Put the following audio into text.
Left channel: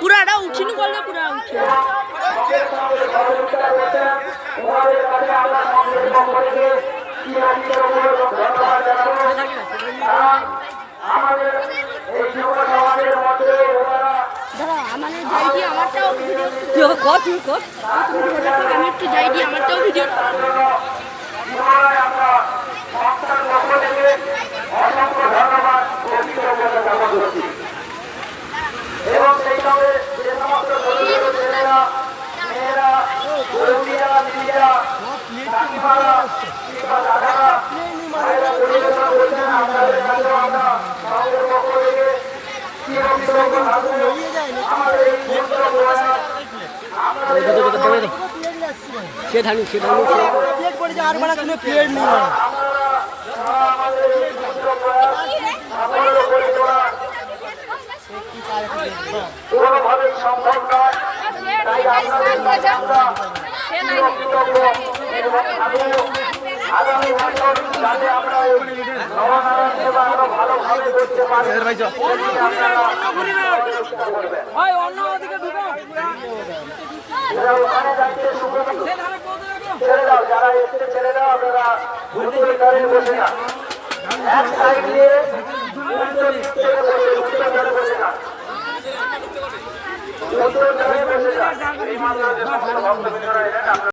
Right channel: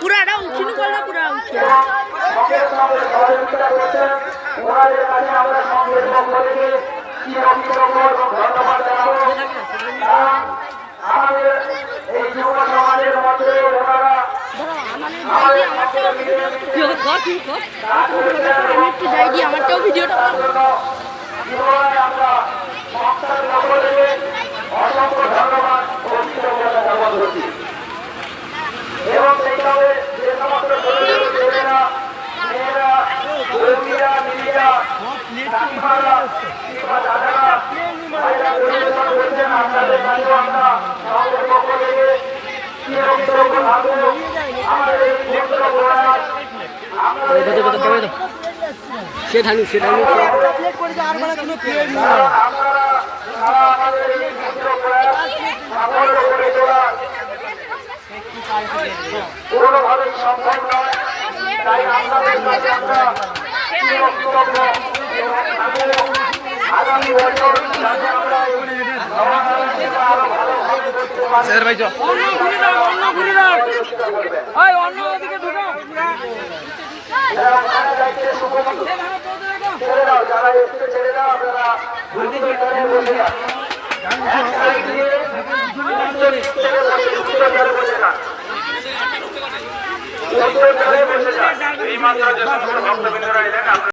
পুরাটা উঠিনি বললে পুরা উঠে আমি একটু যাই দিই আমারটাও ভিডিওটা এবং সেইভাবে যে সমস্ত ছেলেরা মেয়েরা বৌদিরা দিদিরা সে ঢালু কোনোভাবেই সম্ভব নয়। তাই আগামী বছর যারা এসছে ছেলেরা বসে যান এই মাত্র যে সকল ভক্তবৃন্দরা এলেন